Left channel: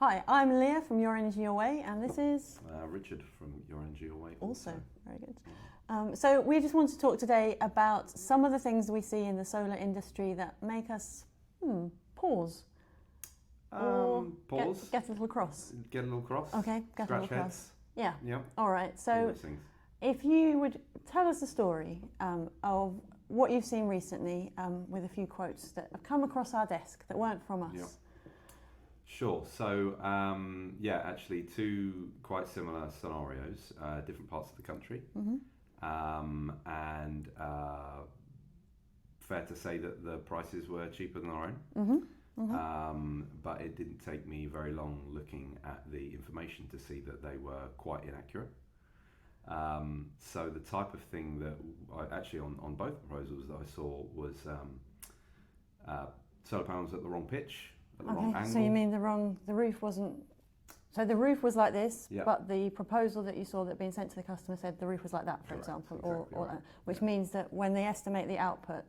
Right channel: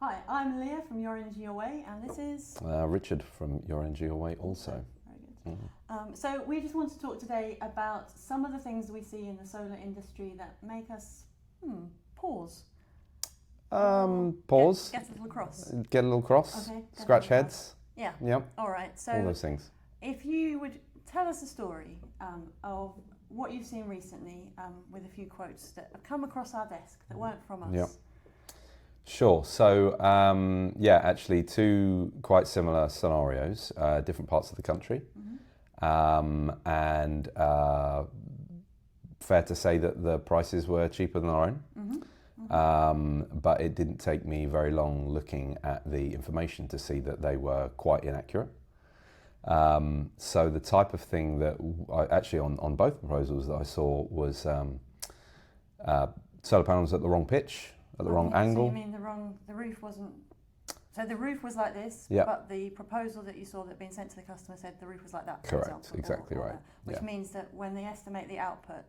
Hi, I'm Leah from Your Energy Your Way, and this is Richard from Your Energy Your Way also. Very good. So we just want to talk today about some of the things we see in the solar industry that make us pause. Pause. Get a little cross. Get a little cross. Okay. Scratch heads. Yeah. Yep. All right. So all those things. If you would tell us a story of what you've seen recently with a few quotes that have come across our desk that weren't from us. Yep. Sure. So, actually two quite similar scenarios, different parts of the country. And fair to say that the prices were cheaper than our own. But it didn't take me very long looking at the information to see that they were quite inaccurate. So the type of thing that I actually on both proposals that I saw was solar panels at the wrong pitch, at the wrong angle. So you mean the roof wasn't, so the roof was like this, but the proposal that you saw that being sent to the customer said the roof was like that, for Correct, example. exactly right. Which means that when they estimate the output,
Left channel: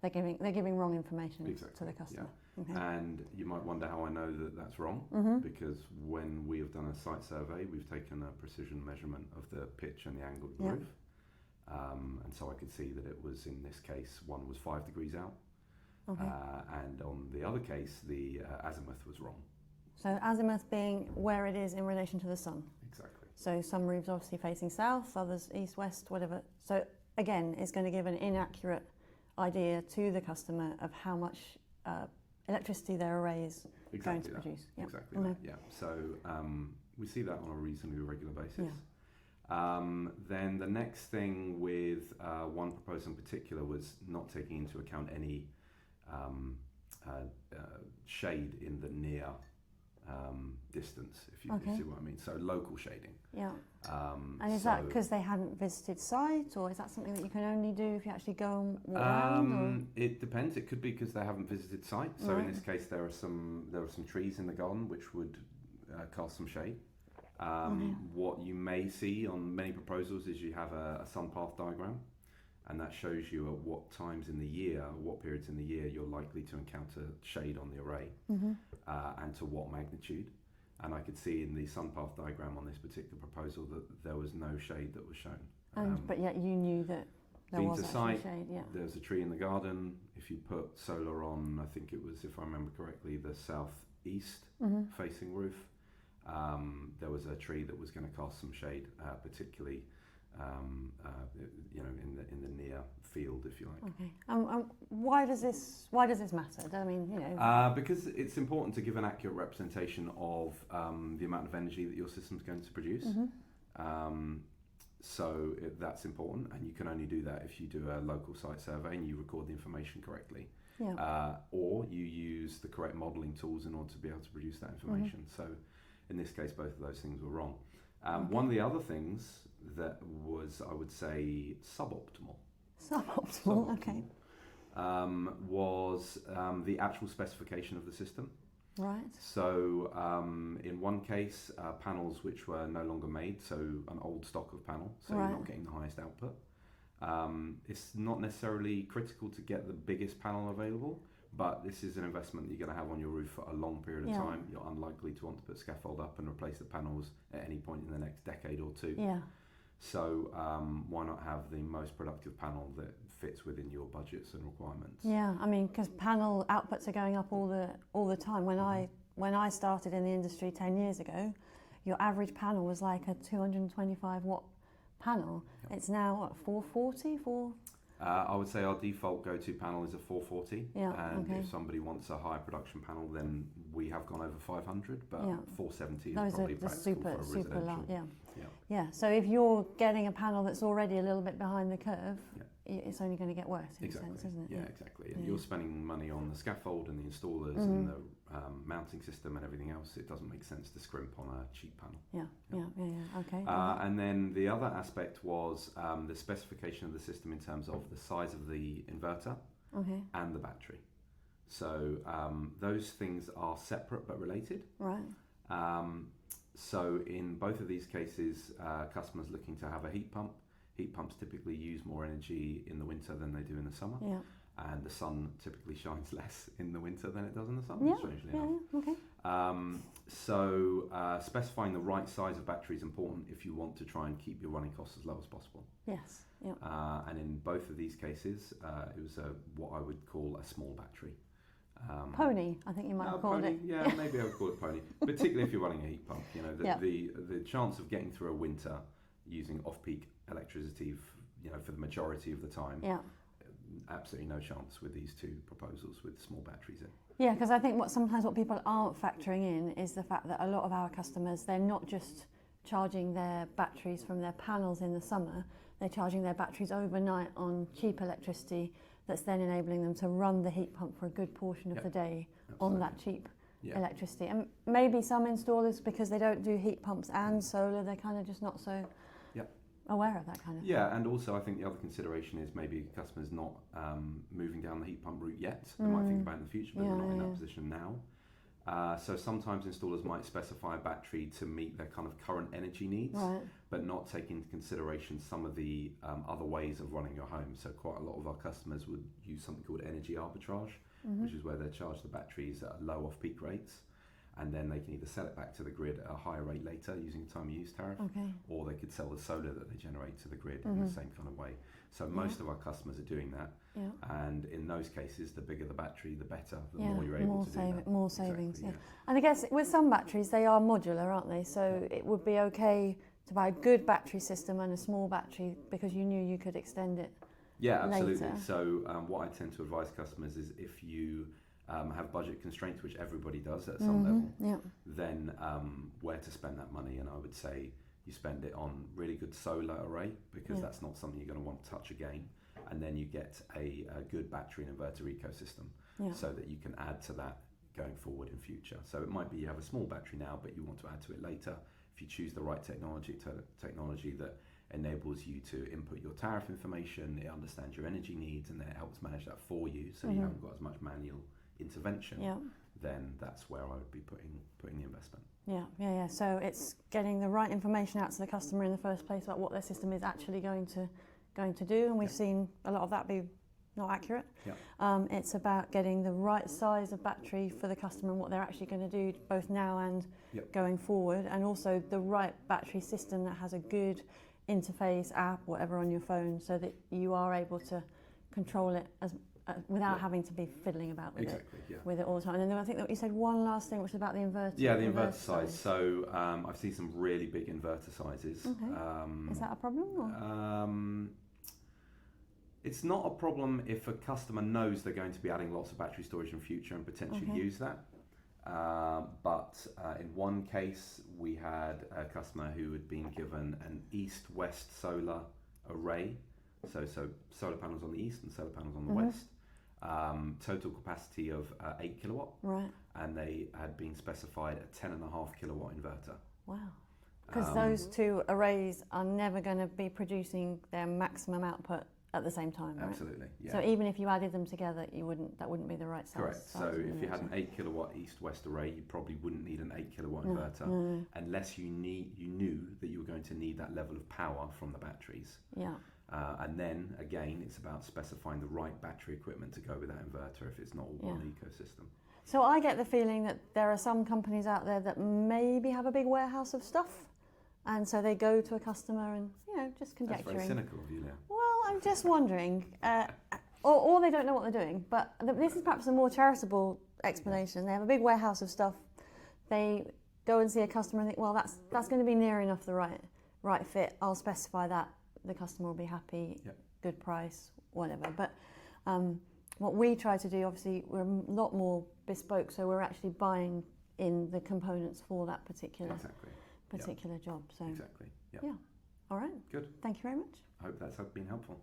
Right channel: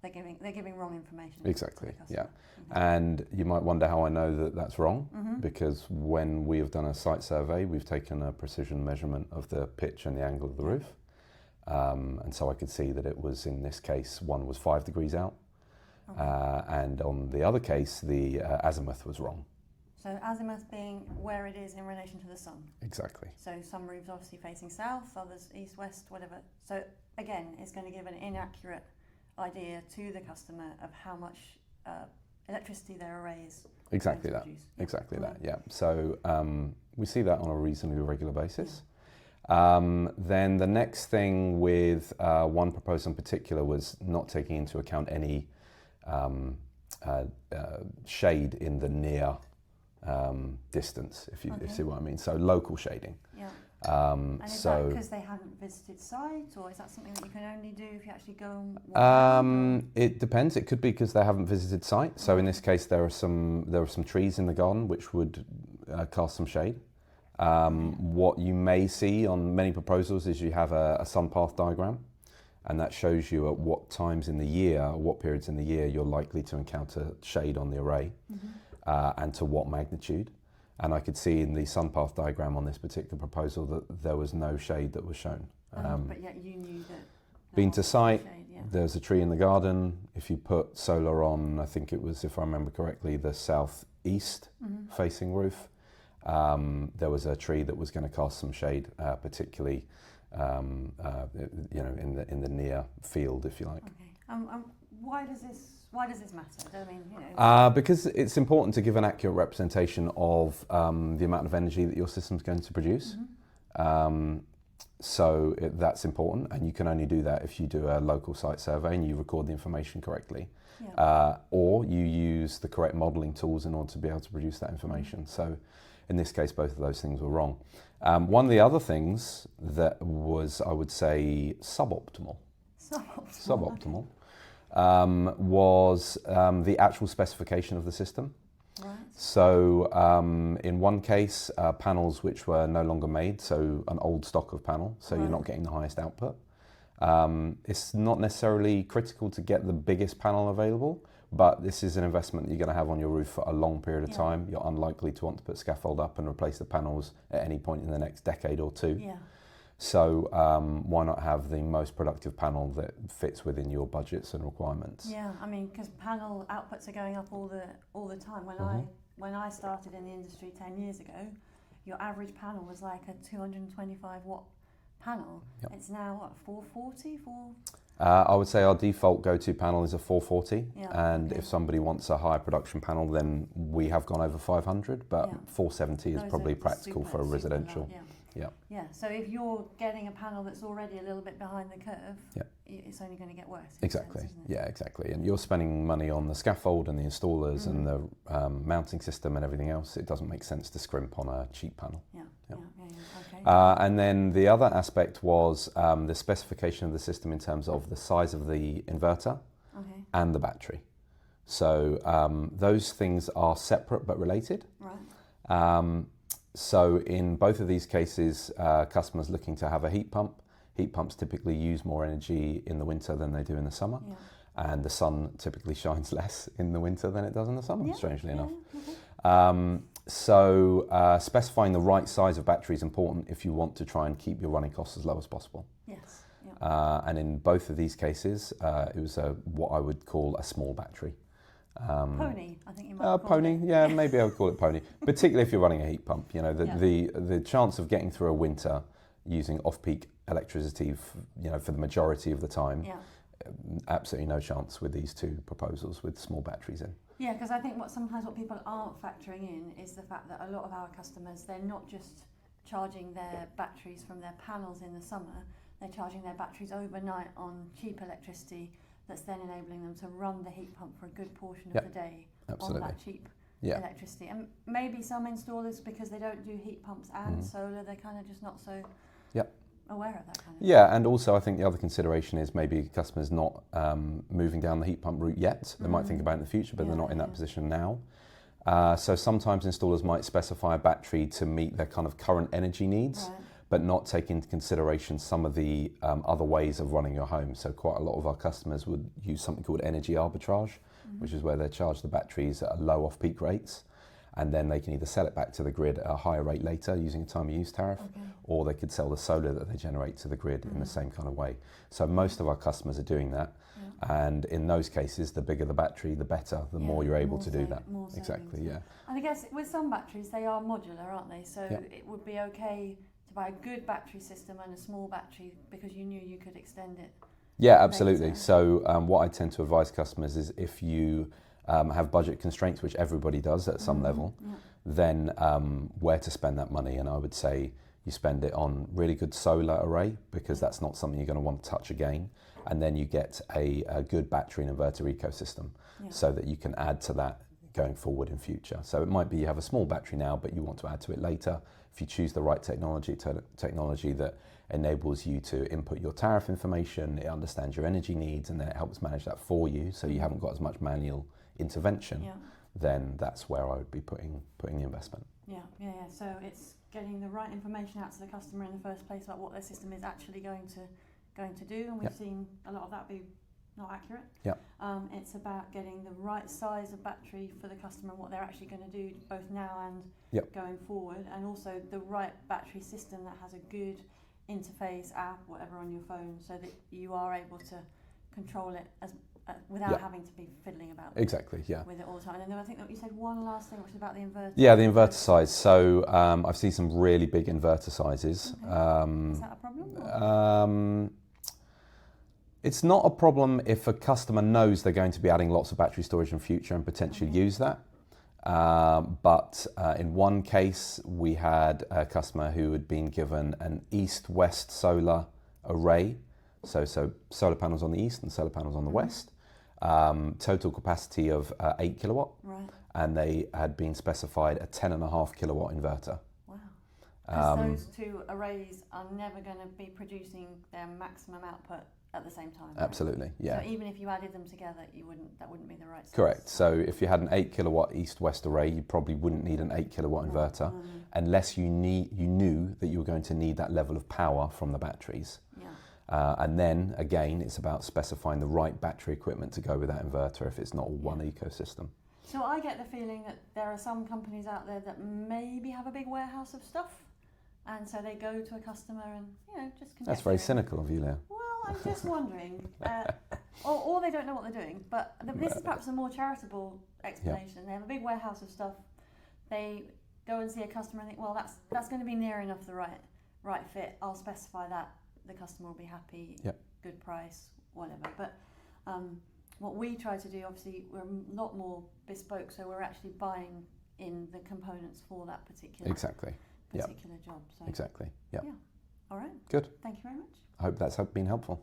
they're giving wrong information exactly, to the customer. Okay. And you might wonder how I know that that's wrong, because when we have done a site survey, we've taken a precision measurement of the pitch and the angle of the roof. And so I could see that it was, in this case, one was 5 degrees out. And on the other case, the azimuth was wrong. So azimuth being where it is in relation to the sun. Exactly. So some roofs obviously facing south, others east, west, whatever. So again, it's going to give an inaccurate idea to the customer of how much electricity their array is going to produce. Exactly that. Yeah. So we see that on a reasonably regular basis. Then the next thing with one proposal in particular was not taking into account any shade in the near distance, if you see what I mean. So local shading. Yeah. And is that because they hadn't visited site, or is that something that you can only do if you actually go and walk around? It depends. It could be because they haven't visited site. So in this case, there are some trees in the garden which would cast some shade. What you may see on many proposals is you have a sun path diagram, and that shows you at what times in the year, what periods in the year you're likely to encounter shade on the array, and to what magnitude. And I could see in the sun path diagram on this particular proposal that there was no shade that was shown. But yet you knew that there been was to site, shade, there's a tree in the garden. If you put solar on, I think it was, if I remember correctly, the southeast facing roof, there was a tree that was going to cast some shade, particularly in the near field, if you like. Why does this matter? I mean, because it's important to give an accurate representation of the amount of energy that your system's going to produce. So that's important, and you can only do that if you do a local site survey and you record the information correctly, or you use the correct modelling tools in order to be able to produce that information. So in this case, both of those things were wrong. One of the other things that was, I would say, suboptimal was the actual specification of the system. Right. So in one case, panels which were no longer made, so an old stock of panel, so you're not getting the highest output. It's not necessarily critical to get the biggest panel available, but this is an investment that you're going to have on your roof for a long period of time. You're unlikely to want to put scaffold up and replace the panels at any point in the next decade or two. So why not have the most productive panel that fits within your budgets and requirements? Yeah, I mean, because panel outputs are going up all the time. When I started in the industry 10 years ago, your average panel was like a 225 watt panel. It's now what, 440? I would say our default go-to panel is a 440, and if somebody wants a higher production panel, then we have gone over 500, but 470 is probably practical for a residential. So if you're getting a panel that's already a little bit behind the curve, it's only going to get worse. Exactly. Sense, isn't it? Exactly. And you're spending money on the scaffold and the installers and the mounting system and everything else. It doesn't make sense to scrimp on a cheap panel. Okay. And then the other aspect was the specification of the system in terms of the size of the inverter and the battery. So those things are separate but related. Right. So in both of these cases, customers looking to have a heat pump. Heat pumps typically use more energy in the winter than they do in the summer. And the sun typically shines less in the winter than it does in the summer, strangely enough. So specifying the right size of battery is important if you want to try and keep your running costs as low as possible. Yes. Yep. And in both of these cases, it was what I would call a small battery. Pony, I think you might call Pony, it. yeah, maybe I would call it Pony. Particularly if you're running a heat pump, the chance of getting through a winter using off-peak electricity, for the majority of the time, absolutely no chance with these two proposals with small batteries in. Yeah, because I think what people aren't factoring in is the fact that a lot of our customers, they're not just charging their batteries from their panels in the summer, they're charging their batteries overnight on cheap electricity that's then enabling them to run the heat pump for a good portion of the day on that cheap electricity. And maybe some installers, because they don't do heat pumps and solar, they're kind of just not so aware of that kind of thing. Yeah, and also I think the other consideration is maybe customers not moving down the heat pump route yet. They might think about it in the future, but they're not in that position now. So sometimes installers might specify a battery to meet their kind of current energy needs, but not take into consideration some of the other ways of running your home. So quite a lot of our customers would use something called energy arbitrage, which is where they charge the batteries at low off-peak rates, and then they can either sell it back to the grid at a higher rate later using a time of use tariff, or they could sell the solar that they generate to the grid in the same kind of way. So most of our customers are doing that, and in those cases, the bigger the battery, the better, the more you're able to do that. More savings, exactly, yeah. And I guess with some batteries, they are modular, aren't they? So it would be okay to buy a good battery system and a small battery because you knew you could extend it. Yeah, absolutely. Later. So what I tend to advise customers is if you have budget constraints, which everybody does at some level, then where to spend that money. And I would say you spend it on really good solar array, because that's not something you're going to want to touch again. And then you get a good battery and inverter ecosystem so that you can add to that going forward in future. So it might be you have a small battery now, but you want to add to it later. If you choose the right technology that enables you to input your tariff information, it understands your energy needs, and then it helps manage that for you, so you haven't got as much manual intervention, then that's where I would be putting the investment. Yeah. So it's getting the right information out to the customer in the first place about what their system is actually going to do, and we've seen a lot of that be not accurate. It's about getting the right size of battery for the customer and what they're actually going to do both now and going forward, and also the right battery system that has a good interface app, whatever, on your phone, so that you are able to control it as without having to be fiddling about with it all the time. And then I think that you said one last thing, which was about the inverter. Yeah, the inverter size. So I've seen some really big inverter sizes. Okay. Is that a problem? It's not a problem if a customer knows they're going to be adding lots of battery storage in future and potentially use that. But in one case, we had a customer who had been given an east-west solar array. So solar panels on the east and solar panels on the west. Total capacity of 8 kilowatt. Right. And they had been specified a 10.5 kilowatt inverter. Wow. Because those two arrays are never going to be producing their maximum output at the same time. Right? Absolutely, yeah. So even if you added them together, that wouldn't be the right size. Correct. So if you had an 8 kilowatt east-west array, you probably wouldn't need an 8 kilowatt inverter unless you knew that you were going to need that level of power from the batteries. Yeah. And then again, it's about specifying the right battery equipment to go with that inverter if it's not all one ecosystem. So I get the feeling that there are some companies out there that maybe have a big warehouse of stuff, and so they go to a customer and just conjecturing. That's very cynical of you, Leah. Well, I'm just wondering, or they don't know what they're doing. But this is perhaps a more charitable explanation. They have a big warehouse of stuff. They go and see a customer and think, well, that's going to be near enough the right fit. I'll specify that. The customer will be happy, good price, whatever. But what we try to do, obviously, we're a lot more bespoke, so we're actually buying in the components for that particular job. So exactly. Yeah. All right. Good. Thank you very much. I hope that's been helpful.